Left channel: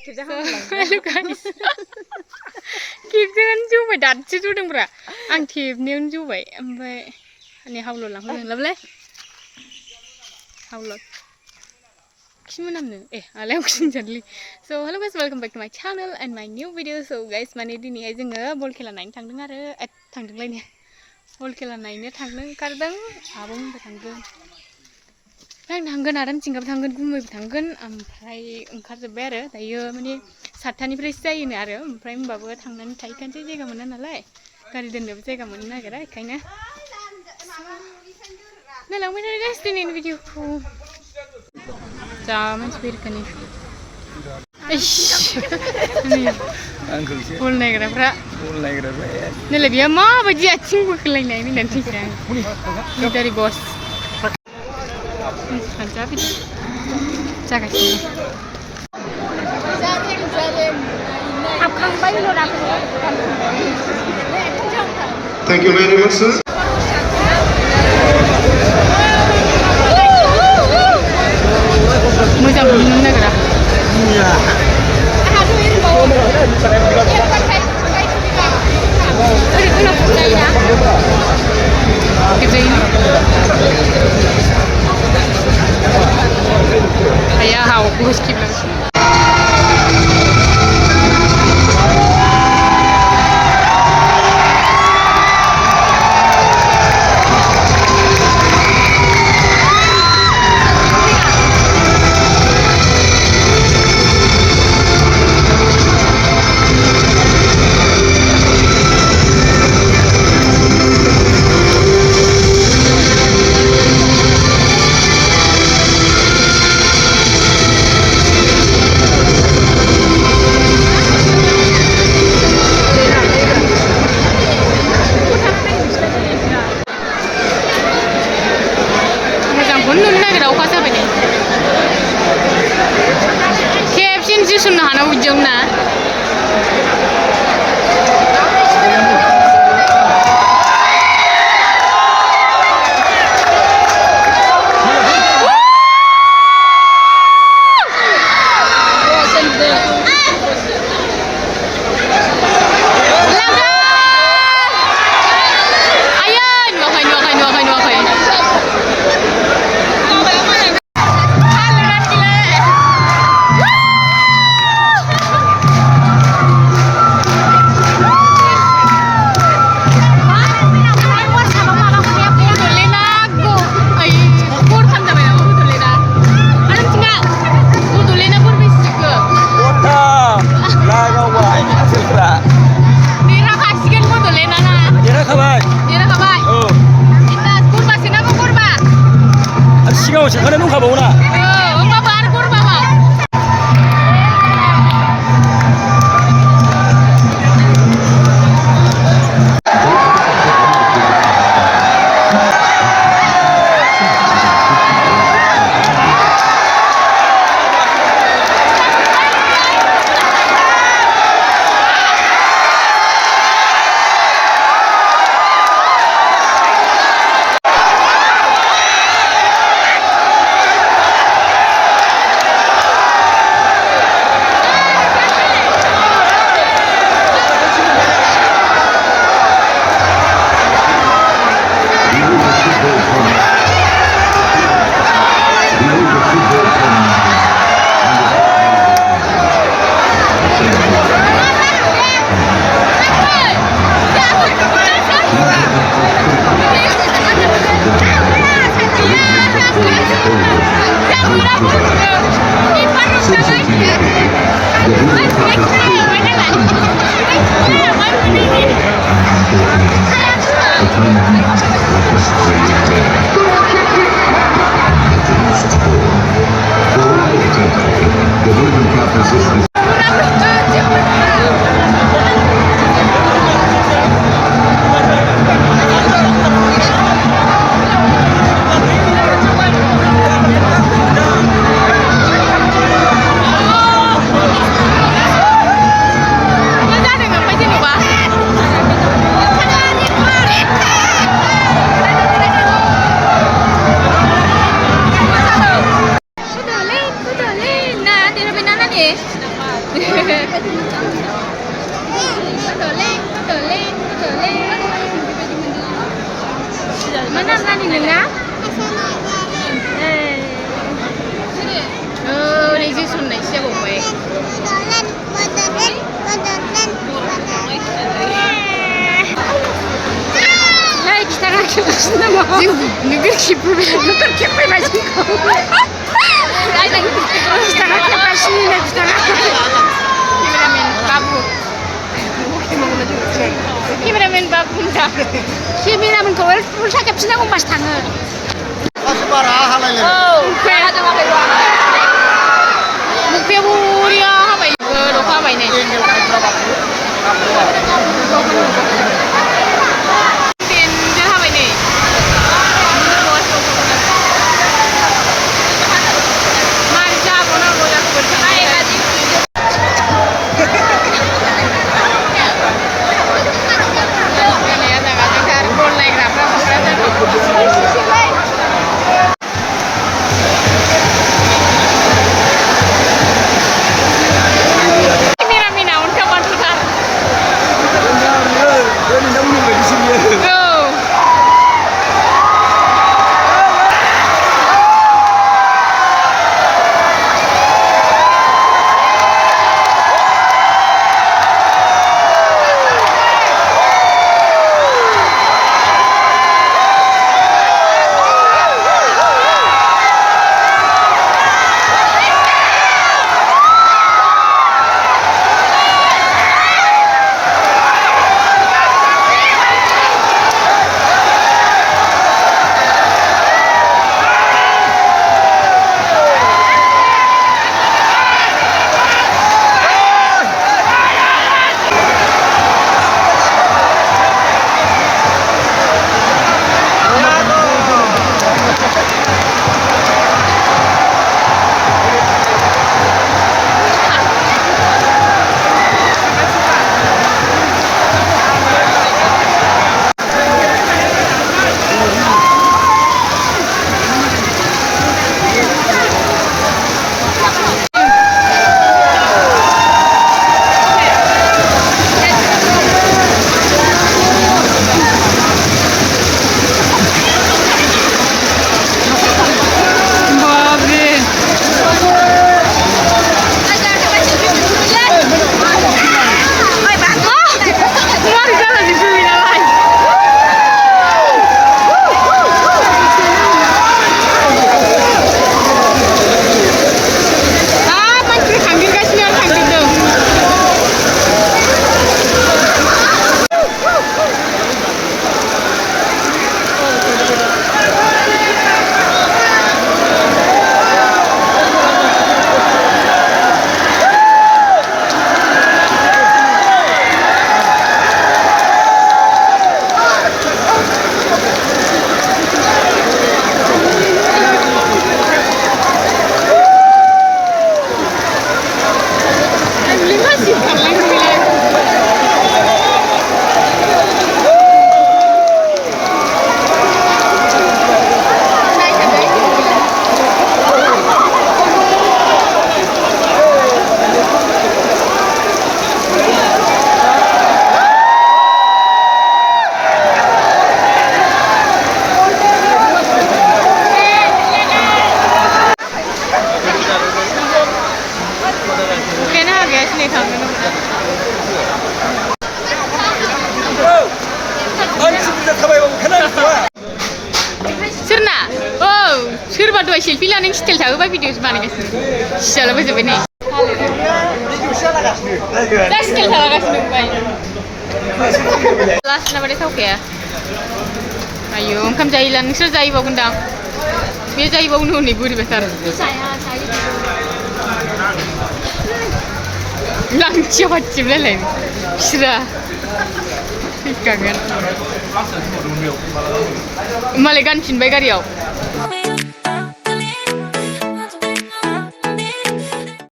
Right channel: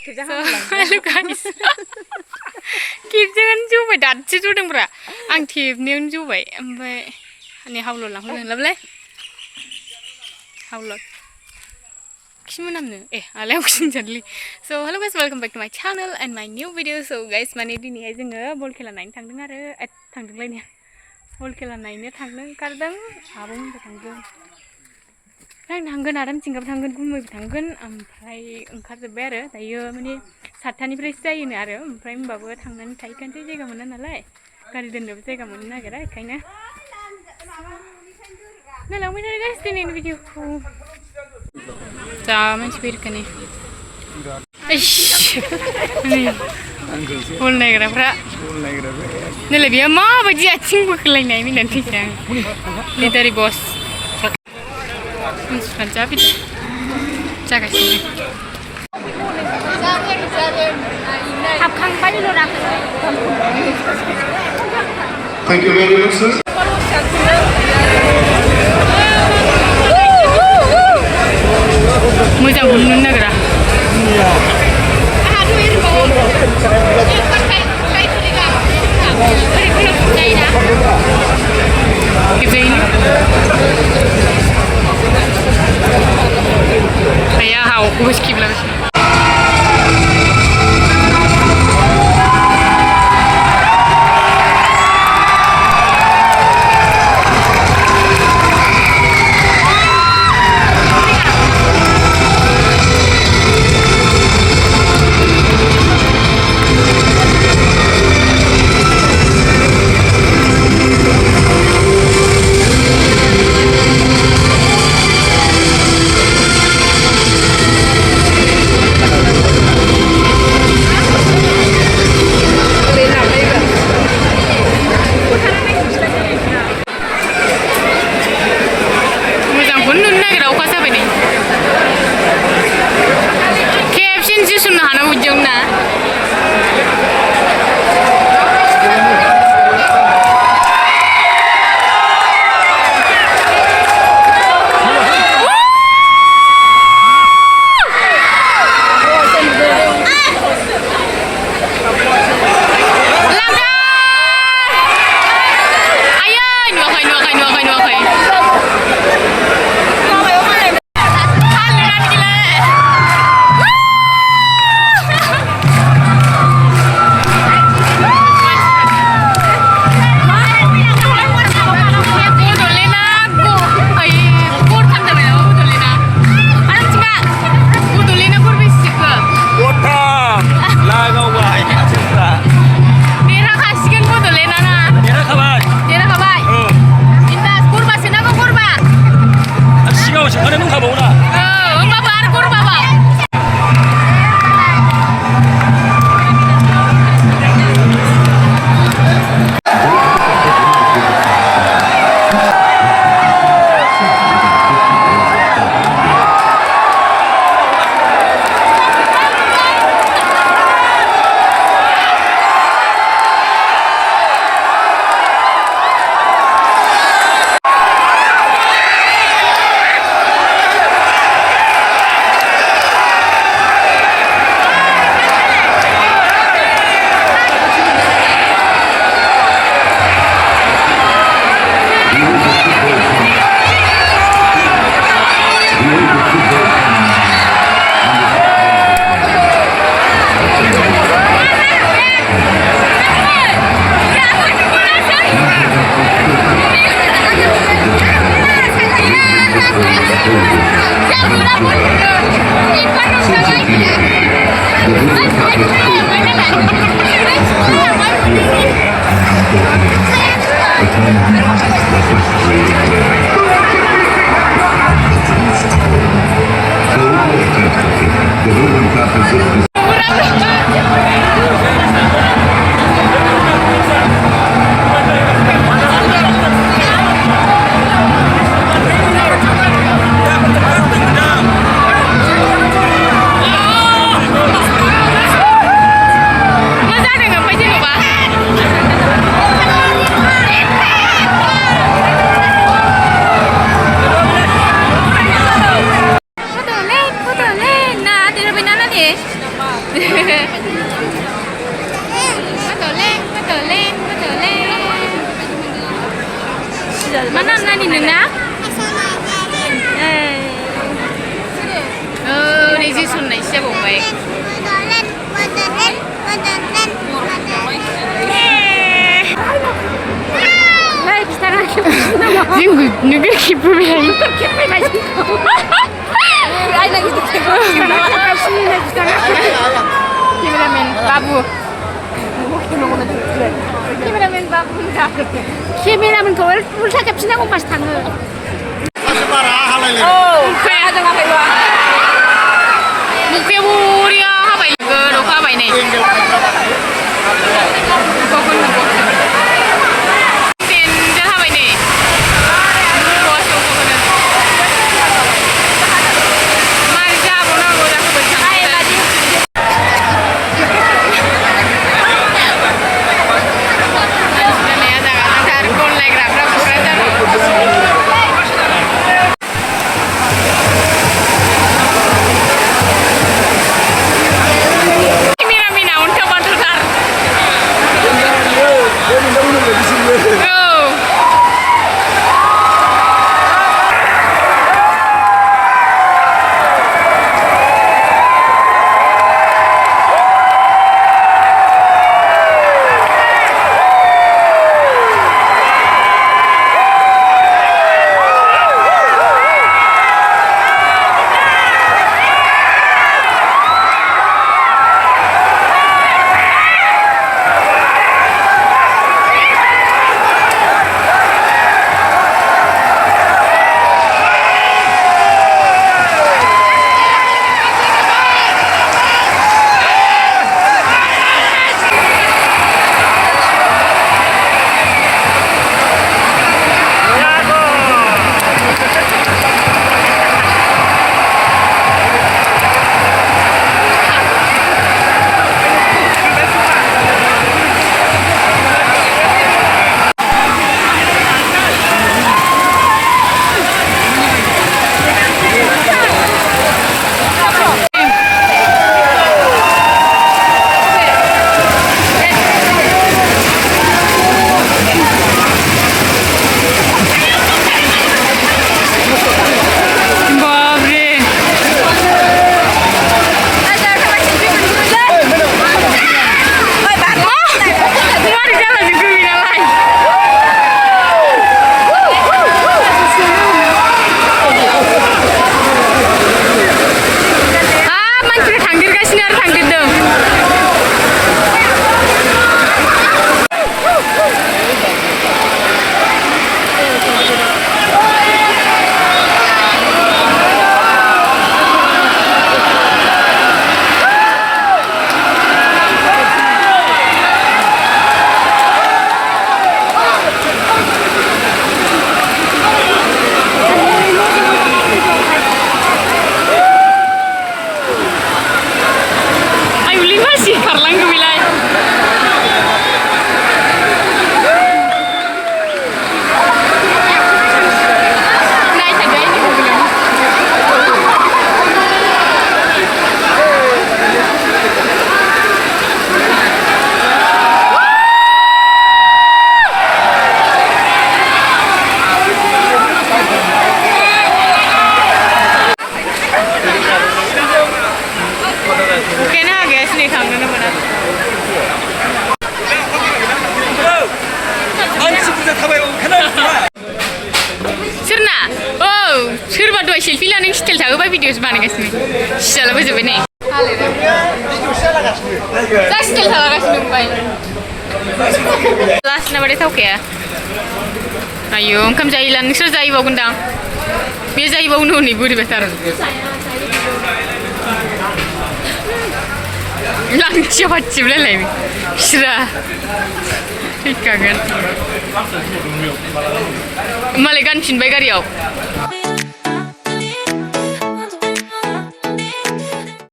So, hello guys. Kipjangan juga datsi tu deng bra. Ang kip niun juga. Ampai ini haulot lang hulen lableh. Haulot. Kismu namne? Alay kusin jadli. So, hello guys, welcome back to my channel and my new video. So guys, mani dini aja nge bol kela nain tangdeng are, tangdeng lainnya. Bol kela nainnya tangdeng kardeng, abung betangdeng. Nang tanggen adam cingkap tanggen gumui betanggen, ampai engkar jeber ya, tayo mani satani presa ini are, ampai mbawa tangnan taikan sih jaga mana nalai, kari dan dapat jaga mana nagara, kayaknya. Nah, langsung aja guys, ini video ku. Jangan speaker nih. Nih, full nagara pra. Nih lebih ama baju acing bukan lain ini nanti saya. Ini dari bos. Cabi, jaga sini. Thank you very much, sir. Mudah bunun negara. Kayak hau aku skip lagi. Bunun negara ukas apa ini? Caption sih sunnah anak ujung na. Bodoland. Mana nani nengna? Oh, ini sih sunai siapa baik. Hai, kita nak nama. Nugget kipu macam kau. Kita nak sini nak kita nak. Cameraman babu dah. Cameraman kau ulsa caption aku mas tangga. Mukanya ada apa itu? Mukanya buria apa itu? Roka apa ini? Kau pun nak? Tinjau apa ini? Bos kau pun nak? Marja pun aku bersama. सोरबा दहाय selfie लानाय style थाहोबा भिडिअ'सो बानायगासिनो सियालाबोजोब्बाय नै जा style थालागासिनो ओमफ्राय last नाबाथाय थावखाया आयौ ओंखाम जायोला नोंसोर जाहैबावगोनदां बे जाहैबावनो हनै बोरैबाथार लांथियाव हाथिबलायलायबाय बिस्रा फैखागोन मालाय गानफिनबाय गारियाव